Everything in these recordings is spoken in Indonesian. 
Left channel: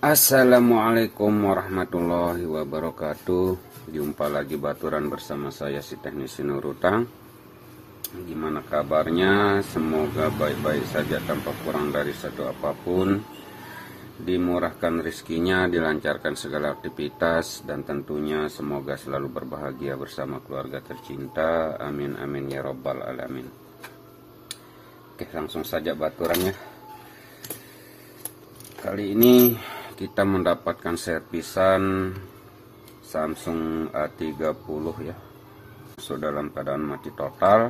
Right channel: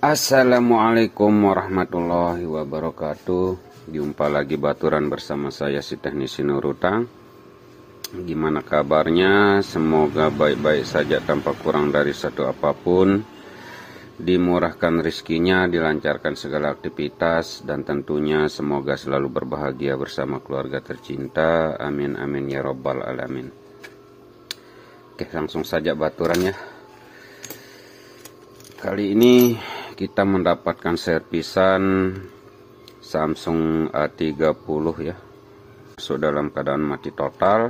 Assalamualaikum warahmatullahi wabarakatuh. Jumpa lagi baturan bersama saya si teknisi Nurutang. Gimana kabarnya? Semoga baik-baik saja tanpa kurang dari satu apapun. Dimurahkan rezekinya, dilancarkan segala aktivitas, dan tentunya semoga selalu berbahagia bersama keluarga tercinta. Amin amin ya robbal alamin. Oke, langsung saja baturannya. Kali ini kita mendapatkan servisan Samsung A30 ya, masuk dalam keadaan mati total.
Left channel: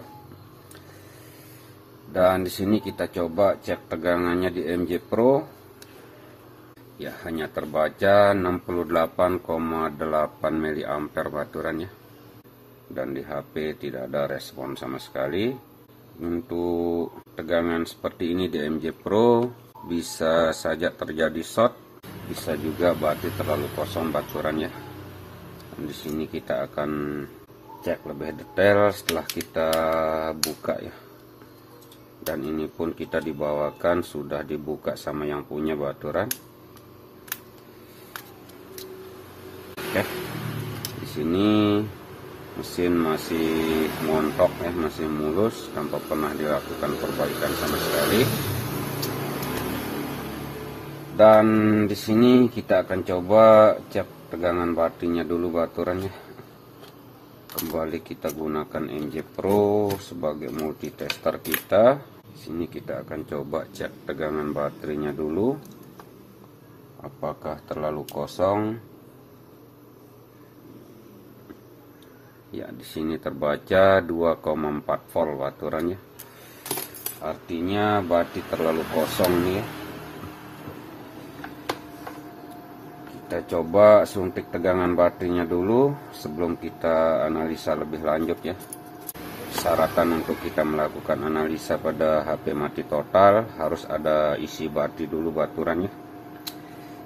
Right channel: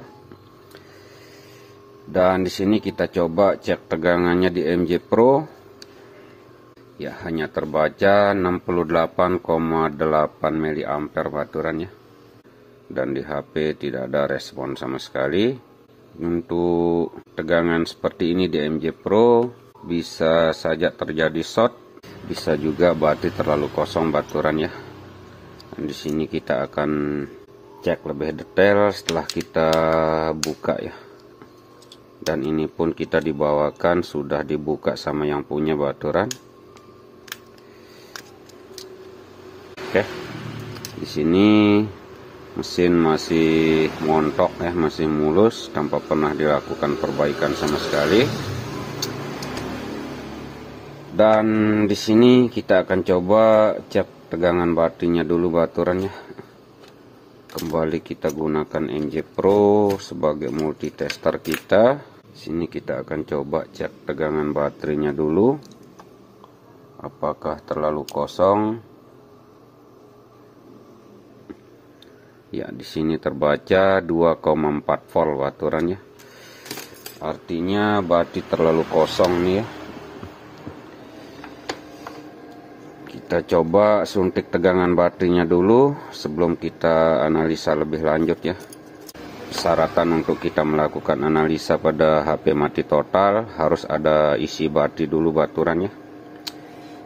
Dan di sini kita coba cek tegangannya di MJ Pro. Ya, hanya terbaca 68,8 mA baturannya. Dan di HP tidak ada respon sama sekali. Untuk tegangan seperti ini di MJ Pro bisa saja terjadi short, bisa juga baterai terlalu kosong baturan ya. Dan di sini kita akan cek lebih detail setelah kita buka ya. Dan ini pun kita dibawakan sudah dibuka sama yang punya baturan. Oke, di sini mesin masih montok ya, masih mulus tanpa pernah dilakukan perbaikan sama sekali. Dan di sini kita akan coba cek tegangan baterainya dulu baturannya. Kembali kita gunakan MJ Pro sebagai multitester kita. Di sini kita akan coba cek tegangan baterainya dulu. Apakah terlalu kosong? Ya, di sini terbaca 2,4 volt baturannya. Artinya baterai terlalu kosong nih ya. Kita coba suntik tegangan baterainya dulu sebelum kita analisa lebih lanjut ya. Syaratan untuk kita melakukan analisa pada HP mati total harus ada isi baterai dulu baturannya.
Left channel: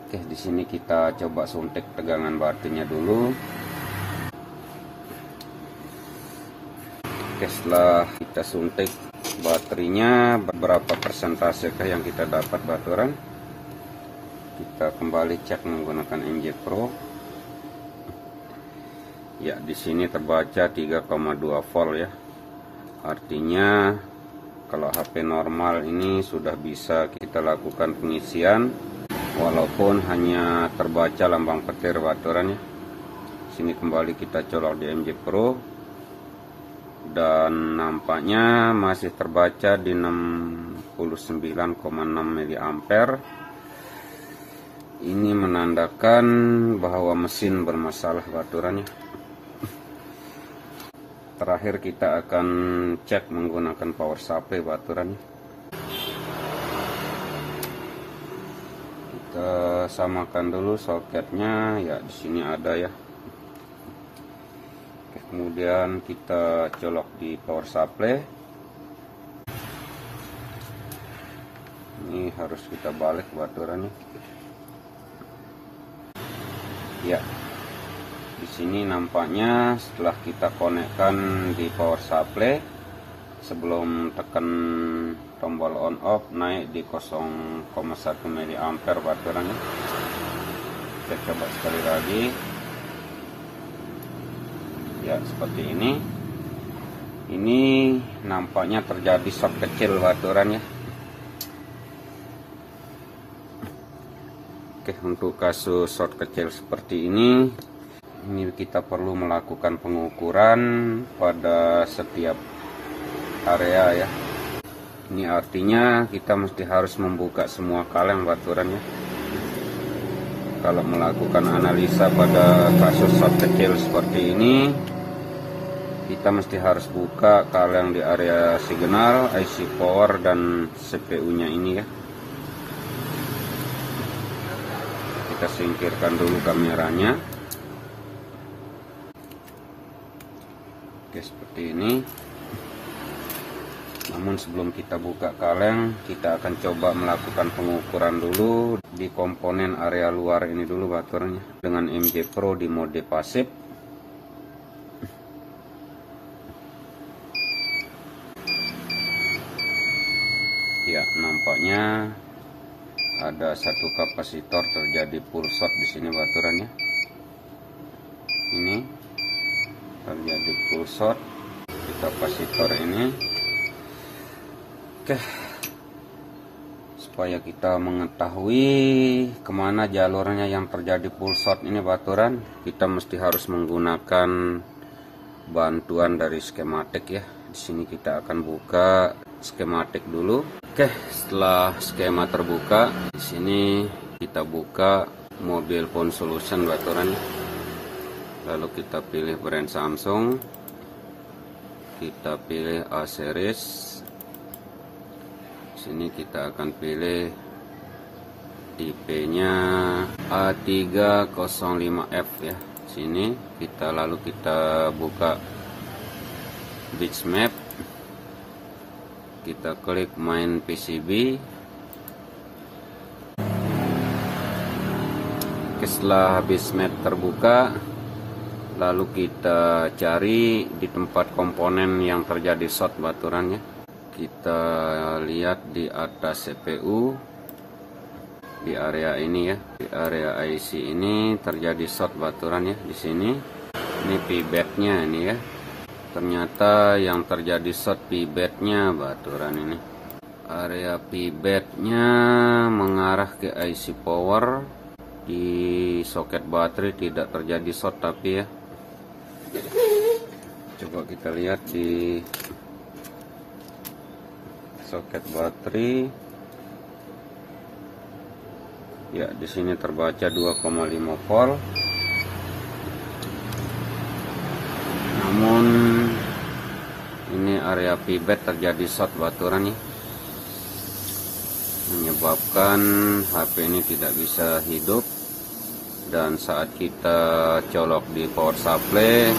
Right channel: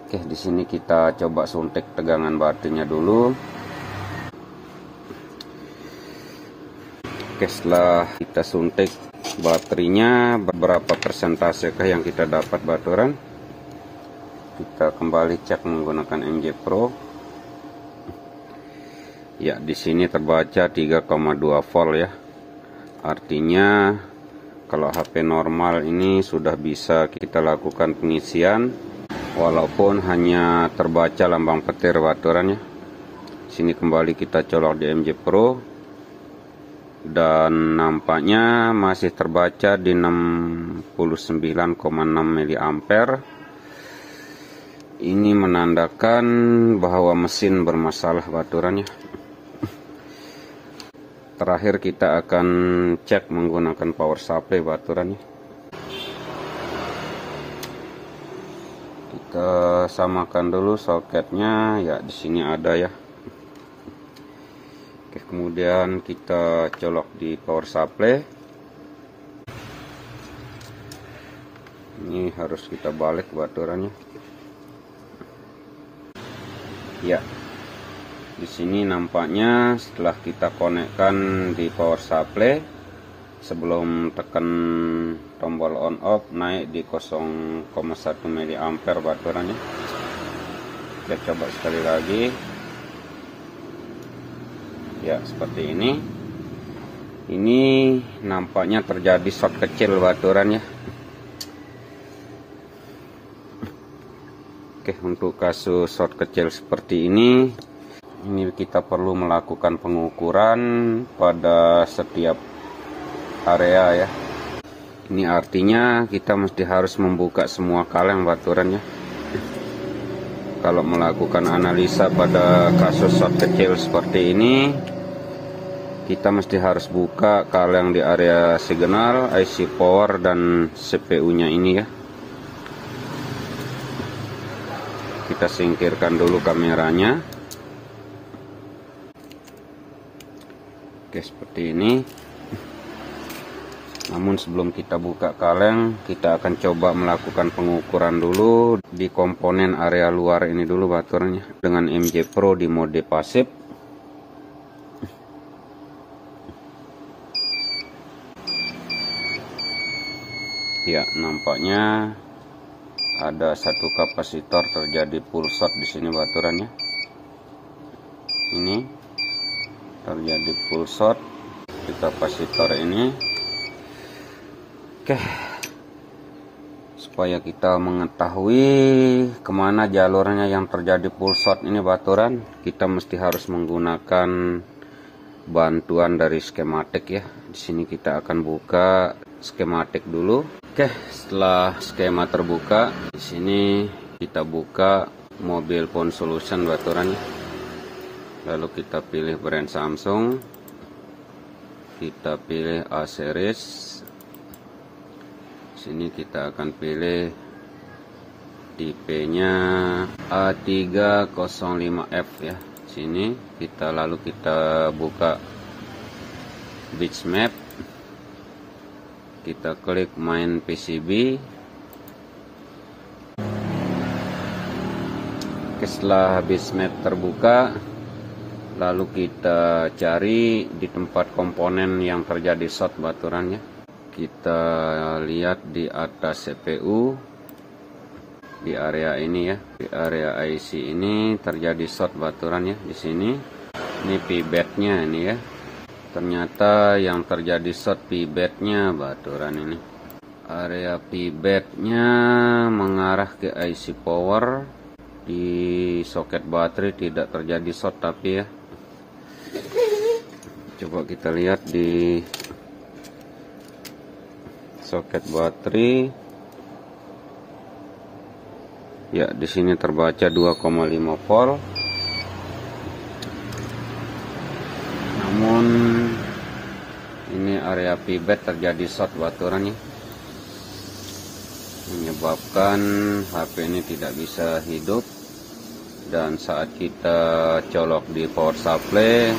Oke, di sini kita coba suntik tegangan baterainya dulu. Oke, setelah kita suntik baterainya, berapa persentase yang kita dapat baturan? Kita kembali cek menggunakan MJ Pro. Ya, di sini terbaca 3,2 volt ya. Artinya kalau HP normal ini sudah bisa kita lakukan pengisian walaupun hanya terbaca lambang petir baturannya. Sini kembali kita colok di MJ Pro. Dan nampaknya masih terbaca di 69,6 mA. Ini menandakan bahwa mesin bermasalah baturannya. Terakhir kita akan cek menggunakan power supply baturannya. Kita samakan dulu soketnya ya, di sini ada ya. Oke, kemudian kita colok di power supply. Ini harus kita balik baturannya. Ya, di sini nampaknya setelah kita konekkan di power supply, sebelum tekan tombol on off naik di 0,1 mA baturannya. Kita coba sekali lagi. Ya, seperti ini. Ini nampaknya terjadi short kecil baturannya. Oke, untuk kasus short kecil seperti ini kita perlu melakukan pengukuran pada setiap area ya. Ini artinya kita mesti harus membuka semua kaleng baturannya. Kalau melakukan analisa pada kasus short kecil seperti ini, kita mesti harus buka kaleng di area signal, IC power, dan CPU-nya ini ya. Kita singkirkan dulu kameranya. Oke, seperti ini. Namun sebelum kita buka kaleng, kita akan coba melakukan pengukuran dulu di komponen area luar ini dulu baturannya dengan MJ Pro di mode pasif. Ya, nampaknya ada satu kapasitor terjadi full short di sini baturannya. Ini terjadi full short di kapasitor ini. Oke, supaya kita mengetahui kemana jalurnya yang terjadi full short ini baturan, kita mesti harus menggunakan bantuan dari skematik ya. Di sini kita akan buka skematik dulu. Oke, setelah skema terbuka, di sini kita buka Mobile Phone Solution baturan. Lalu kita pilih brand Samsung, kita pilih A series. Sini kita akan pilih tipenya A305F ya. Sini kita buka Bitsmap, kita klik main PCB. Setelah Bitsmap terbuka, lalu kita cari di tempat komponen yang terjadi short baturannya. Kita lihat di atas CPU, di area ini ya, di area IC ini terjadi short baturannya. Di sini ini pibetnya ini ya, ternyata yang terjadi short pibetnya baturan ini. Area pibetnya mengarah ke IC power. Di soket baterai tidak terjadi short tapi ya. Coba kita lihat di soket baterai. Ya, di sini terbaca 2,5 volt. Namun ini area pibet terjadi short baturannya, menyebabkan HP ini tidak bisa hidup. Dan saat kita colok di power supply,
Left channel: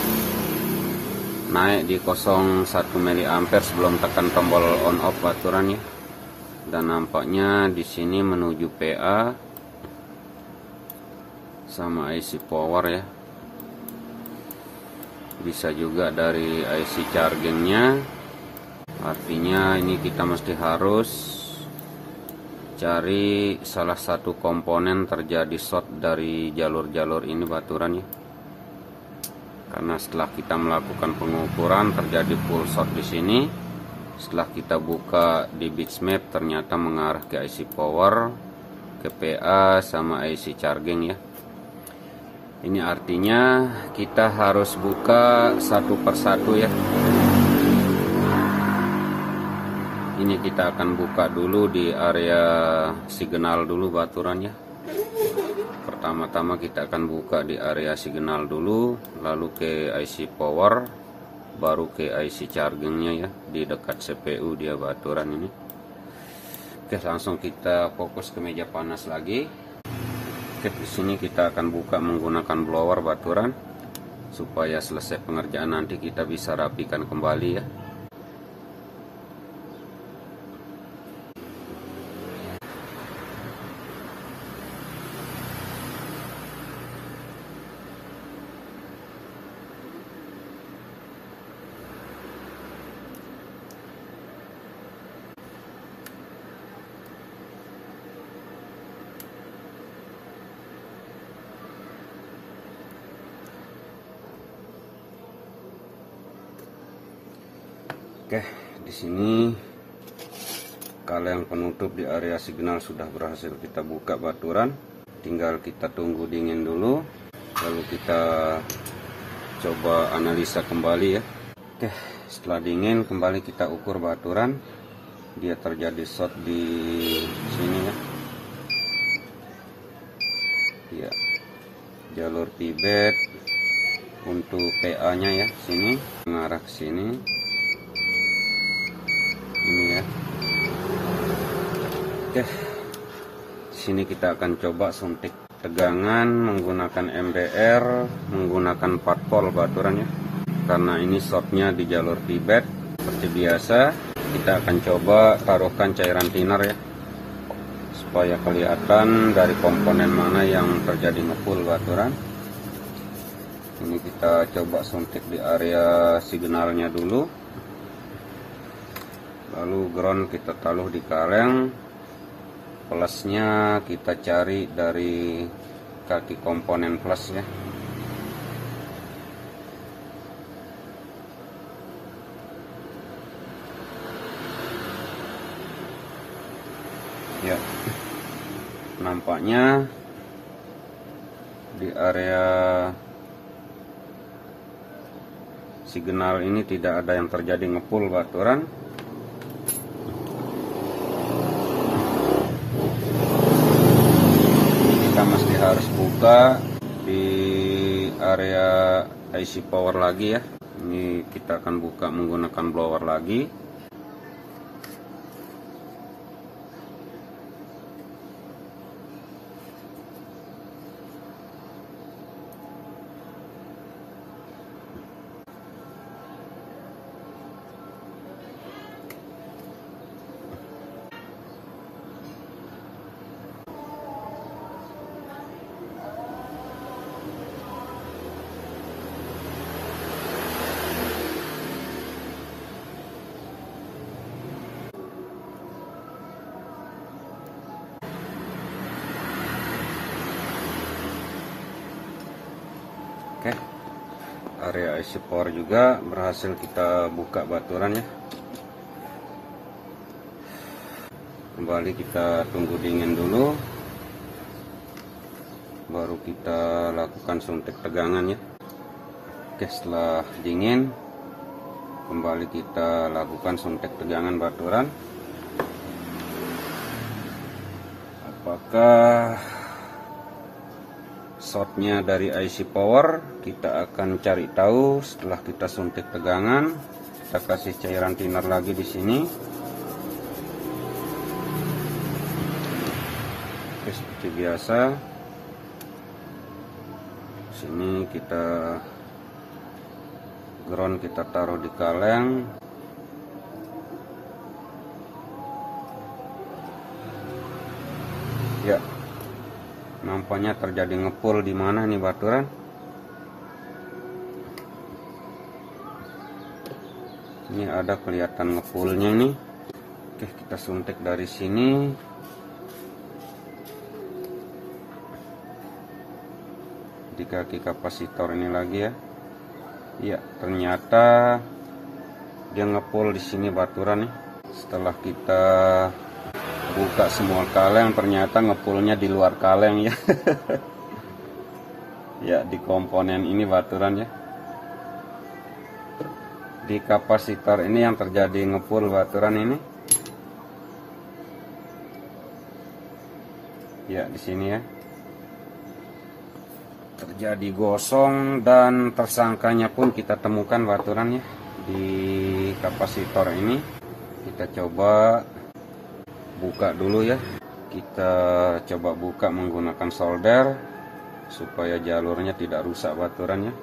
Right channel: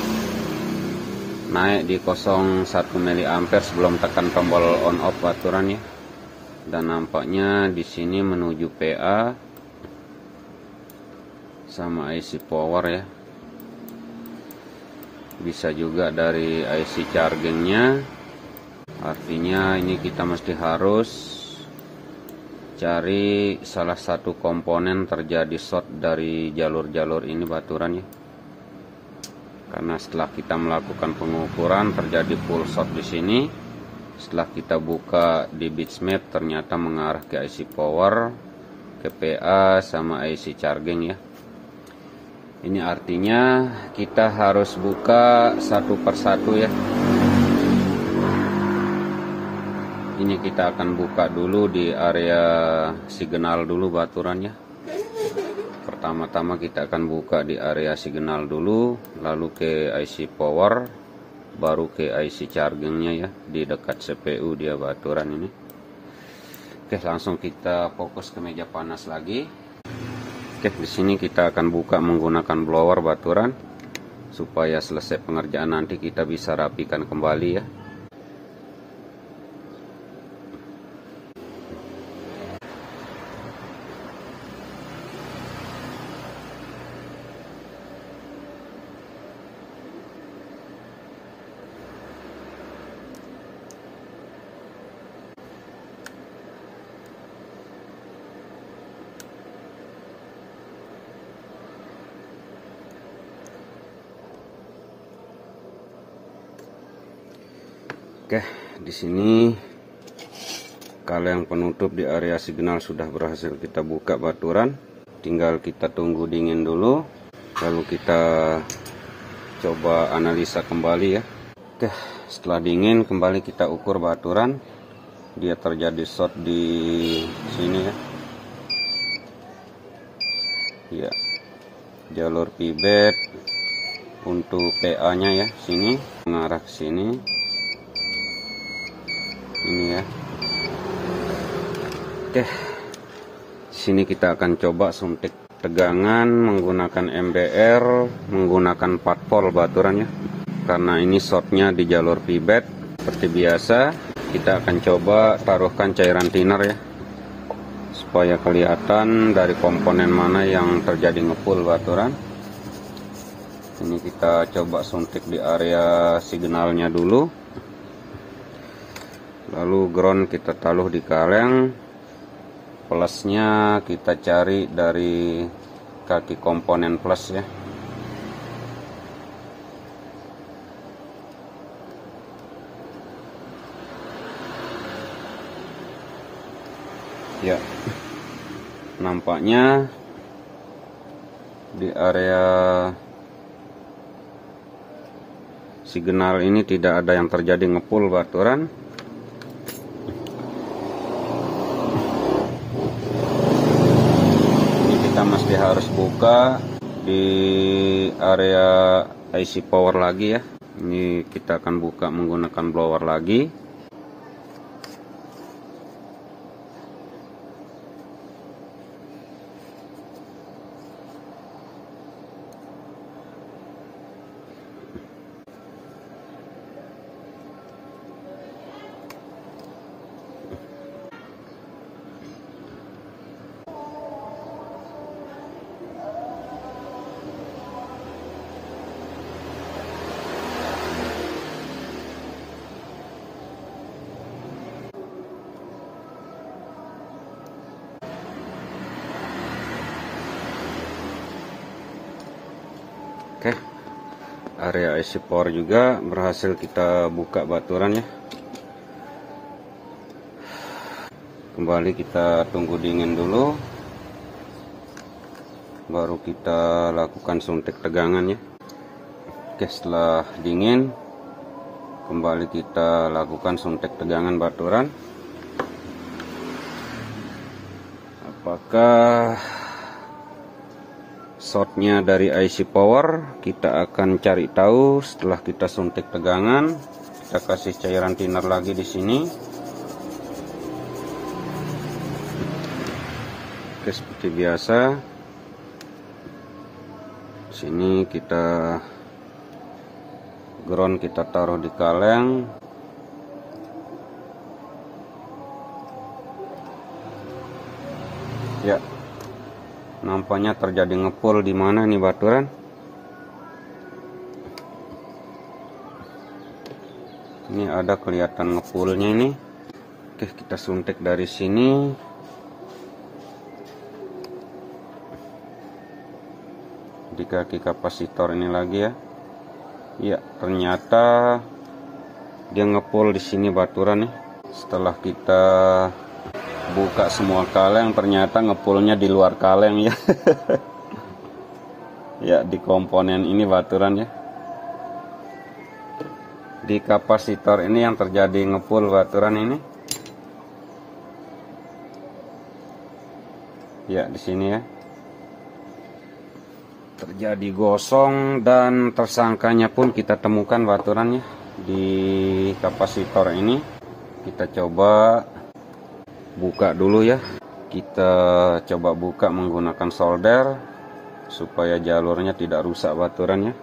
naik di 0,1 mA sebelum tekan tombol on off baturannya. Dan nampaknya di sini menuju PA sama IC power ya. Bisa juga dari IC chargingnya. Artinya ini kita mesti harus cari salah satu komponen terjadi short dari jalur-jalur ini baturannya. Karena setelah kita melakukan pengukuran terjadi full short di sini. Setelah kita buka di Bitsmap ternyata mengarah ke IC power, ke PA sama IC charging ya. Ini artinya kita harus buka satu persatu ya. Ini kita akan buka dulu di area signal dulu baturannya. Pertama-tama kita akan buka di area signal dulu, lalu ke IC power, baru ke IC chargingnya ya, di dekat CPU dia baturan ini. Oke, langsung kita fokus ke meja panas lagi. Oke, di sini kita akan buka menggunakan blower baturan supaya selesai pengerjaan nanti kita bisa rapikan kembali ya. Oke, di sini kaleng penutup di area signal sudah berhasil kita buka baturan. Tinggal kita tunggu dingin dulu, lalu kita coba analisa kembali ya. Oke, setelah dingin kembali kita ukur baturan. Dia terjadi short di sini ya. Ya, jalur pibet untuk PA-nya ya, sini mengarah ke sini. Ini ya. Oke, sini kita akan coba suntik tegangan menggunakan MBR, menggunakan 4 volt baturannya. Karena ini shortnya di jalur pibet, seperti biasa kita akan coba taruhkan cairan thinner ya, supaya kelihatan dari komponen mana yang terjadi ngepull baturan. Ini kita coba suntik di area signalnya dulu. Lalu ground kita taruh di kaleng. Plusnya kita cari dari kaki komponen plus ya. Ya, nampaknya di area signal ini tidak ada yang terjadi ngepul baturan. Kita masih harus buka di area IC power lagi ya. Ini kita akan buka menggunakan blower lagi. Oke, area IC power juga berhasil kita buka baturannya. Kembali kita tunggu dingin dulu, baru kita lakukan suntik tegangannya. Oke, setelah dingin kembali kita lakukan suntik tegangan baturan. Apakah shortnya dari IC power? Kita akan cari tahu setelah kita suntik tegangan. Kita kasih cairan thinner lagi di sini. Oke, seperti biasa. Sini kita ground, kita taruh di kaleng. Ya, nampaknya terjadi ngepul di mana nih baturan. Ini ada kelihatan ngepulnya ini. Oke, kita suntik dari sini. Di kaki kapasitor ini lagi ya. Ya, ternyata dia ngepul di sini baturan nih. Setelah kita buka semua kaleng, ternyata ngepulnya di luar kaleng ya. Ya, di komponen ini baturan ya. Di kapasitor ini yang terjadi ngepul baturan ini. Ya, di sini ya. Terjadi gosong dan tersangkanya pun kita temukan baturannya di kapasitor ini. Kita coba buka dulu ya. Kita coba buka menggunakan solder supaya jalurnya tidak rusak baturannya.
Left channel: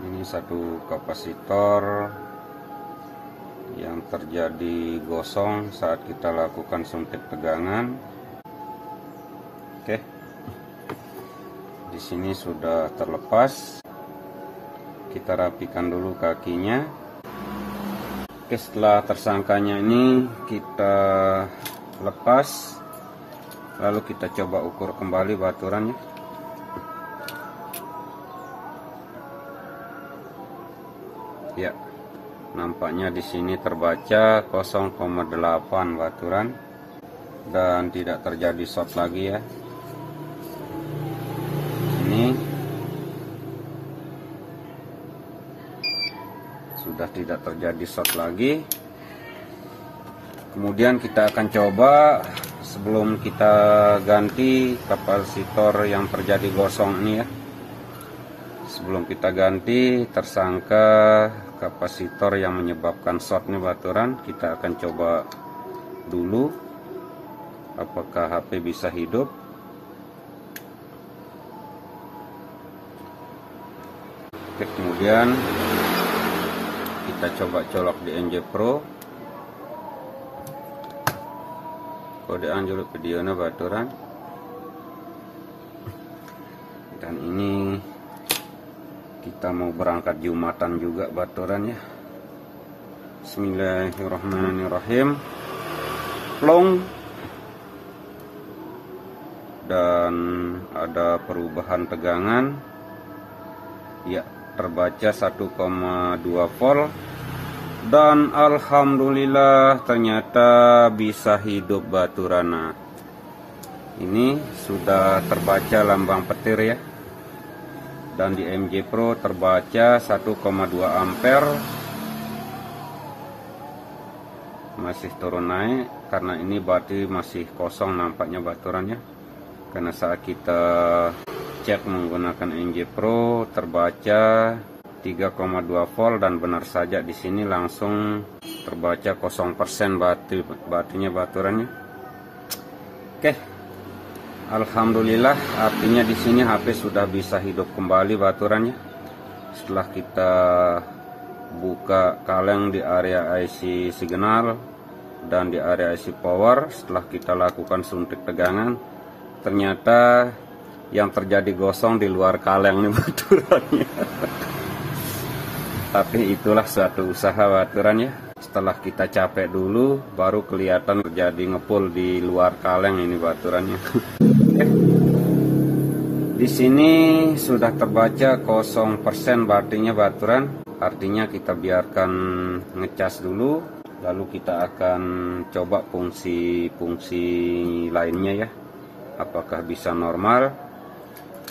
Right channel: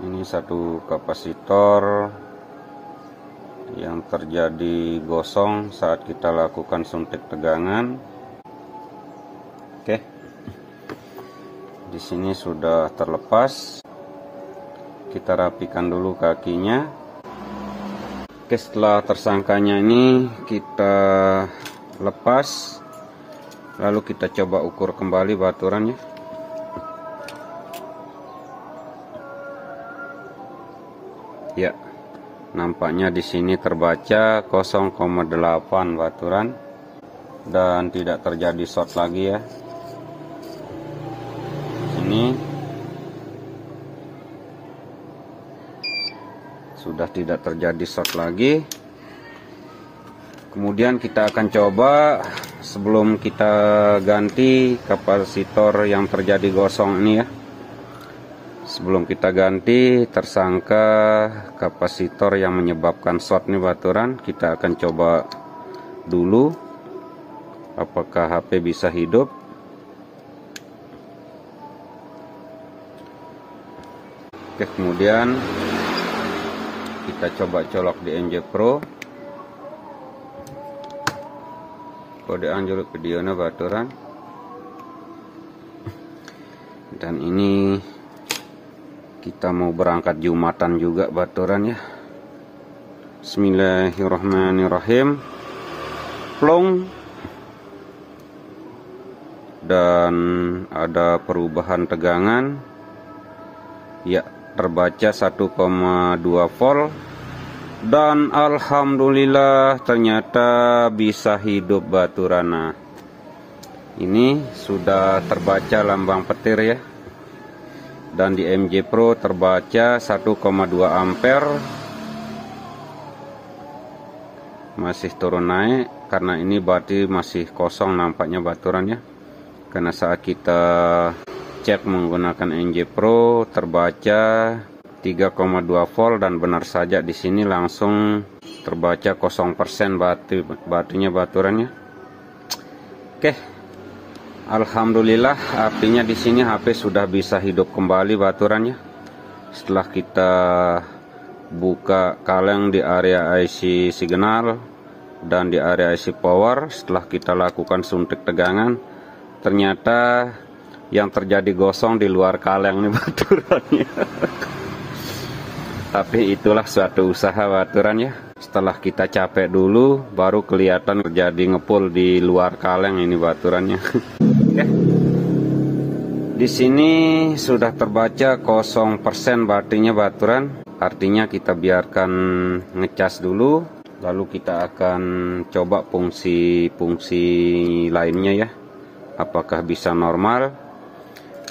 Ini satu kapasitor yang terjadi gosong saat kita lakukan suntik tegangan. Oke, di sini sudah terlepas. Kita rapikan dulu kakinya. Oke, setelah tersangkanya ini kita lepas, lalu kita coba ukur kembali baturannya. Ya, nampaknya di sini terbaca 0,8 baturan dan tidak terjadi short lagi ya. Ini sudah tidak terjadi short lagi. Kemudian kita akan coba sebelum kita ganti kapasitor yang terjadi gosong ini ya. Sebelum kita ganti tersangka kapasitor yang menyebabkan short nih baturan, kita akan coba dulu apakah HP bisa hidup. Oke, kemudian kita coba colok di MJ Pro. Kode anjlok videonya baturan. Dan ini kita mau berangkat Jumatan juga baturan ya. Bismillahirrahmanirrahim. Plong. Dan ada perubahan tegangan. Ya, terbaca 1,2 volt. Dan alhamdulillah ternyata bisa hidup baturana. Ini sudah terbaca lambang petir ya. Dan di MJ Pro terbaca 1,2 ampere. Masih turun naik karena ini berarti masih kosong nampaknya baturannya. Karena saat kita cek menggunakan MJ Pro terbaca 3,2 volt dan benar saja di sini langsung terbaca 0% batunya baturannya. Oke. Alhamdulillah, artinya di sini HP sudah bisa hidup kembali baturannya. Setelah kita buka kaleng di area IC signal dan di area IC power, setelah kita lakukan suntik tegangan, ternyata yang terjadi gosong di luar kaleng baturannya. Tapi itulah suatu usaha baturannya. Setelah kita capek dulu, baru kelihatan terjadi ngepul di luar kaleng ini baturannya. Di sini sudah terbaca 0% batunya baturan. Artinya kita biarkan ngecas dulu, lalu kita akan coba fungsi-fungsi lainnya ya. Apakah bisa normal?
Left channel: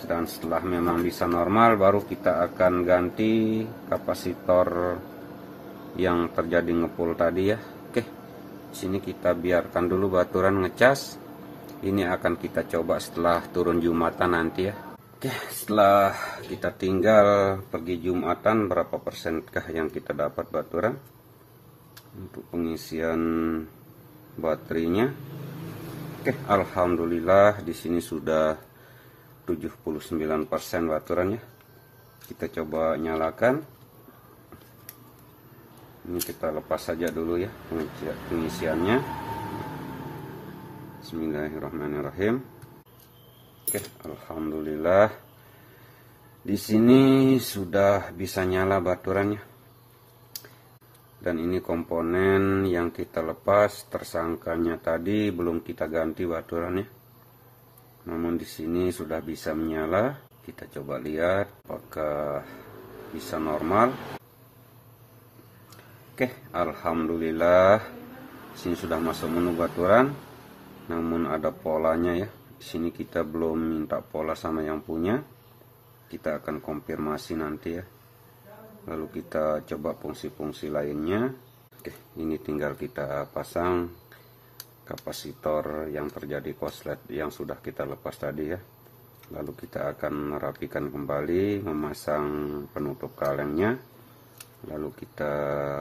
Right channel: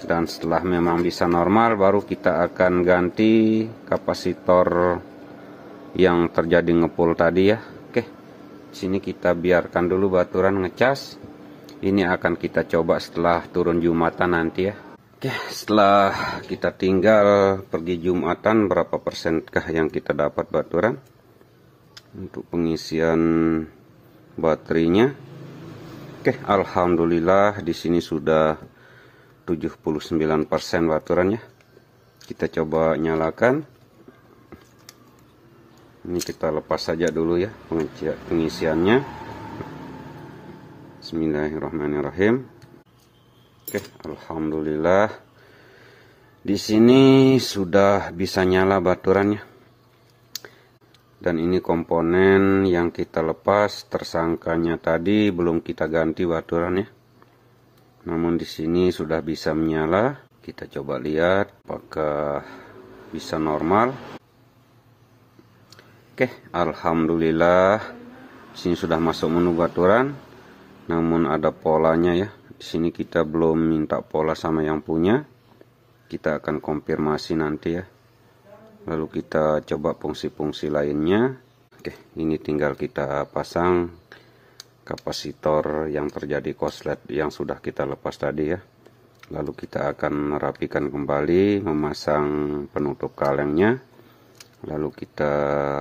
Dan setelah memang bisa normal, baru kita akan ganti kapasitor yang terjadi ngepul tadi ya. Oke, sini kita biarkan dulu baturan ngecas. Ini akan kita coba setelah turun Jumatan nanti ya. Oke, setelah kita tinggal pergi Jumatan, berapa persenkah yang kita dapat baturan untuk pengisian baterainya? Oke, alhamdulillah di sini sudah 79% baturannya. Kita coba nyalakan. Ini kita lepas saja dulu ya pengisiannya. Bismillahirrahmanirrahim. Oke, alhamdulillah. Di sini sudah bisa nyala baturannya. Dan ini komponen yang kita lepas, tersangkanya tadi belum kita ganti baturannya. Namun di sini sudah bisa menyala. Kita coba lihat apakah bisa normal. Oke, alhamdulillah. Di sini sudah masuk menu baturan. Namun ada polanya ya. Di sini kita belum minta pola sama yang punya. Kita akan konfirmasi nanti ya. Lalu kita coba fungsi-fungsi lainnya. Oke, ini tinggal kita pasang kapasitor yang terjadi korslet yang sudah kita lepas tadi ya. Lalu kita akan merapikan kembali, memasang penutup kalengnya. Lalu kita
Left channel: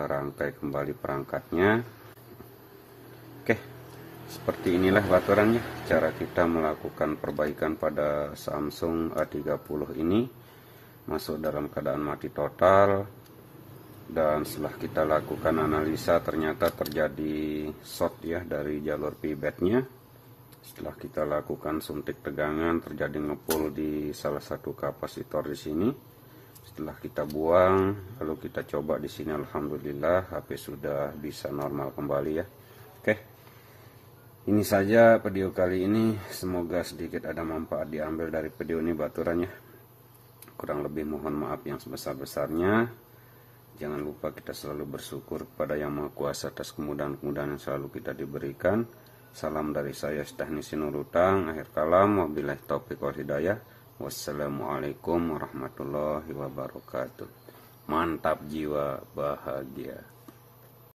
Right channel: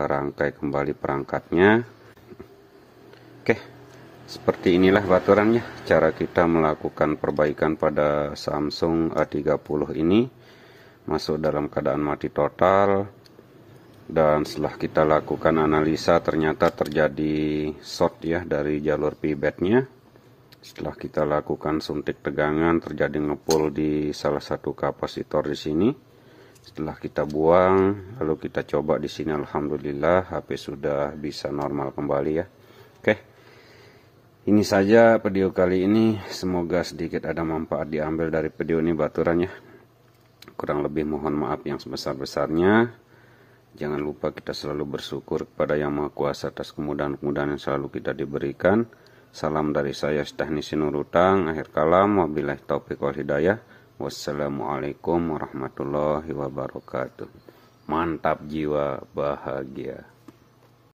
rangkai kembali perangkatnya. Oke, seperti inilah baturannya cara kita melakukan perbaikan pada Samsung A30 ini. Masuk dalam keadaan mati total. Dan setelah kita lakukan analisa ternyata terjadi short ya dari jalur pivotnya. Setelah kita lakukan suntik tegangan terjadi ngepul di salah satu kapasitor di sini. Setelah kita buang lalu kita coba di sini, alhamdulillah HP sudah bisa normal kembali ya. Oke. Ini saja video kali ini, semoga sedikit ada manfaat diambil dari video ini baturannya. Kurang lebih mohon maaf yang sebesar-besarnya. Jangan lupa kita selalu bersyukur kepada Yang Maha Kuasa atas kemudahan-kemudahan yang selalu kita diberikan. Salam dari saya, Teknisi Nurutang. Akhir kalam, wabillahi taufiq wal hidayah. Wassalamualaikum warahmatullahi wabarakatuh. Mantap jiwa bahagia.